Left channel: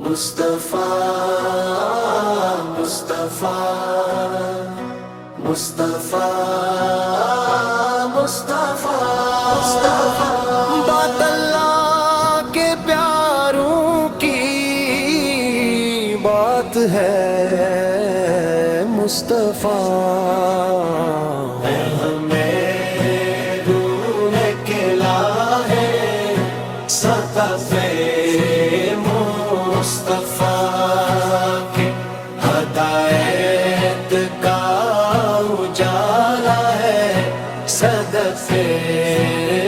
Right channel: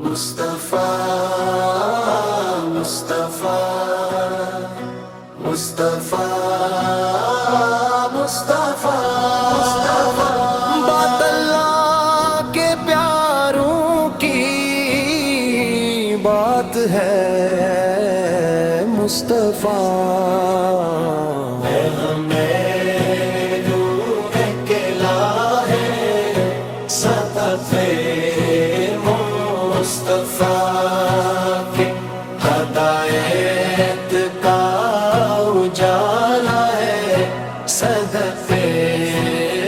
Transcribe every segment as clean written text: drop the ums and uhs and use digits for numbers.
مصطفیٰ مصطفیٰ مصطفیٰ مصطفیٰ مصطفیٰ بات اللہ کے پیاروں کی بات ہے مصطفیٰ ہمیں ڈھونڈ کے لاہے صدقے مصطفیٰ کے ہدایت کا اجالا ہے صدقے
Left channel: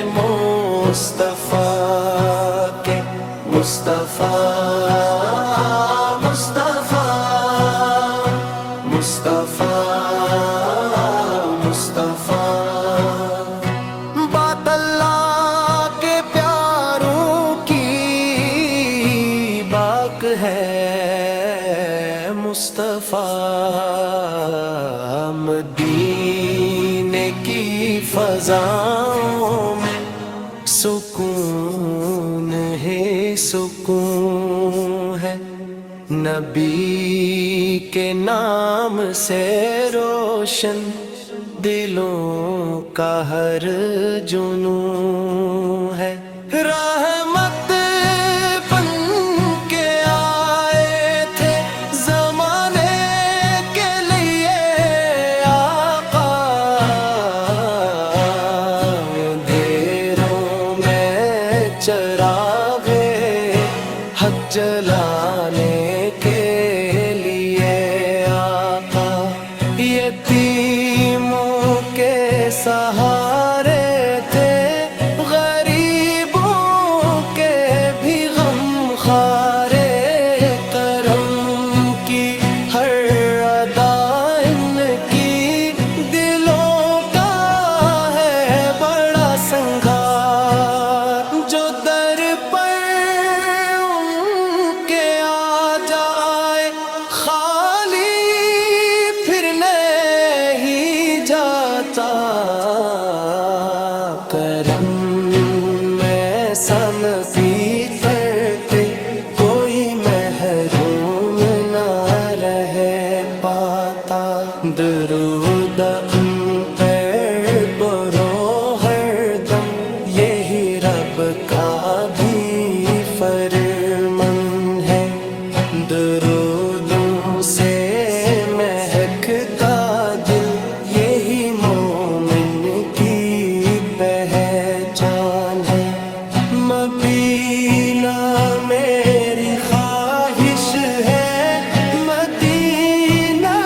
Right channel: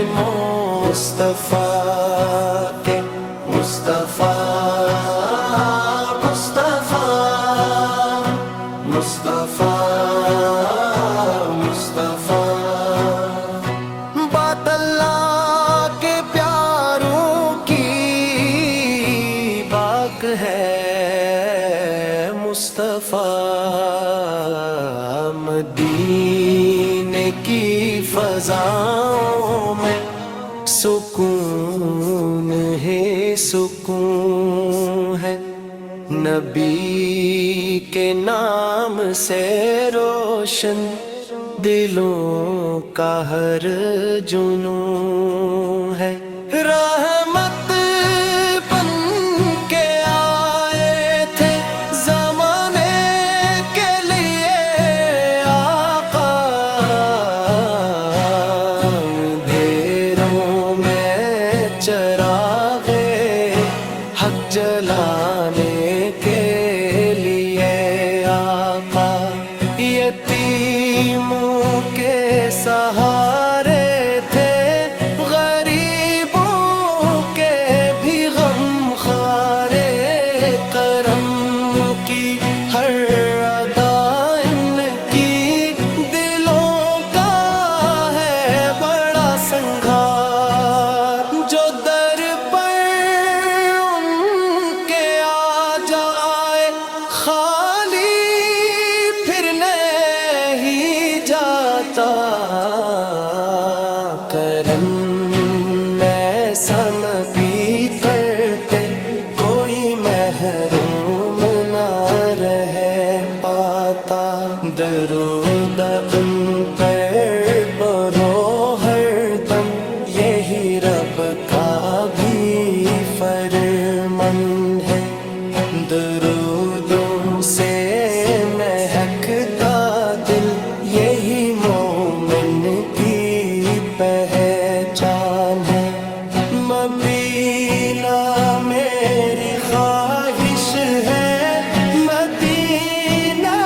مصطفیٰ کے مصطفیٰ مصطفیٰ مصطفیٰ مصطفیٰ بات اللہ کے پیاروں کی باک ہے مصطفیٰ مدینے کی فضاؤں میں سکون ہے سکون ہے نبی کے نام سے روشن دلوں کا ہر جنون ہے رحمت بن کے آئے تھے زمانے کے لیے آقا اندھیروں میں چراغ حق جلانے کے لیے آقا یتیموں کے سہارے تھے غریبوں کے بھی غم خارے کرم کی ہر ادا ان کی دلوں کا ہے بڑا سنگھار جو در پر ان کے آ جائے خالی پھر نہیں جاتا کرم میں سن کی کرتے کوئی محروم نہ رہ پاتا درود ان پر بڑھو ہر دم یہی رب کا بھی فرمان ہے درودوں سے مہکتا دل یہی مومن کی پہچان ہے مدینہ میری خواہش ہے مدینہ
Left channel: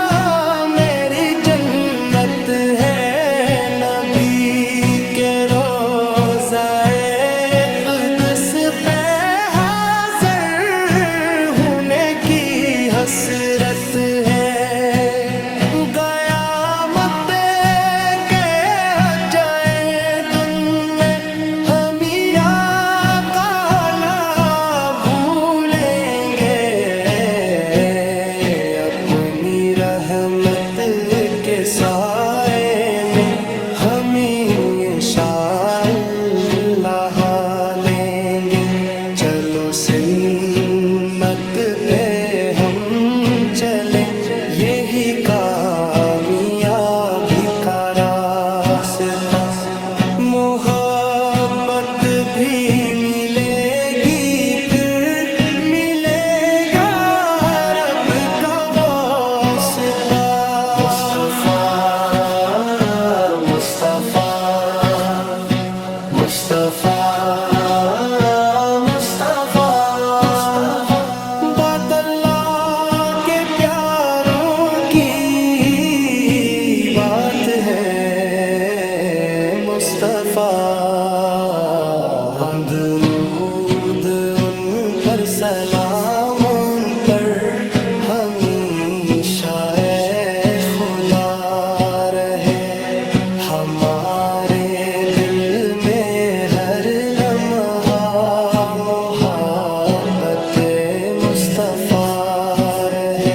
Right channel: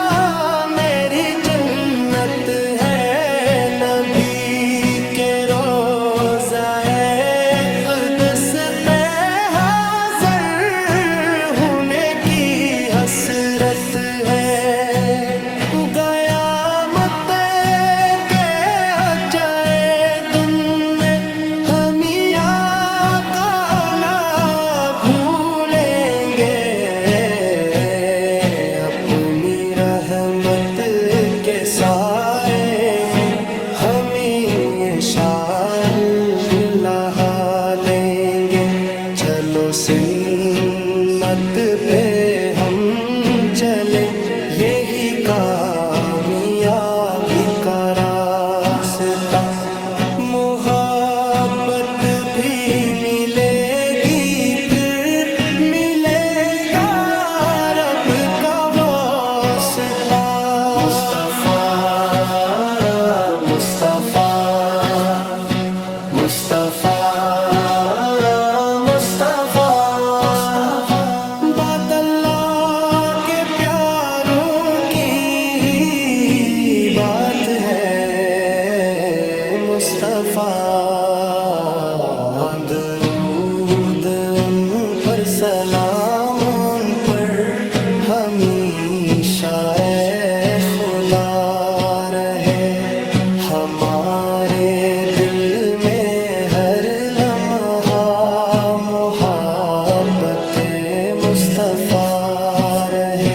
میری جنت ہے نبی کے روضہ اقدس پہ حاضر ہونے کی حسرت ہے قیامت کے جائے دن میں ہم آقا نہ بھولیں گے اپنی رحمت کے سائے میں ہم انشاءاللہ لیں گے چلو سمت پہ ہم چلے یہی کامیابی کا راستہ محبت بھی ملے گی پھر ملے گا رب کا واسطہ مصطفیٰ مصطفیٰ مصطفیٰ مصطفیٰ بات اللہ کے پیاروں کی بات ہے مصطفیٰ درود ان پر سلام ان پر ہمیشہ اے خدا رہے ہمارے دل میں ہر لمحہ محبت مصطفیٰ رہے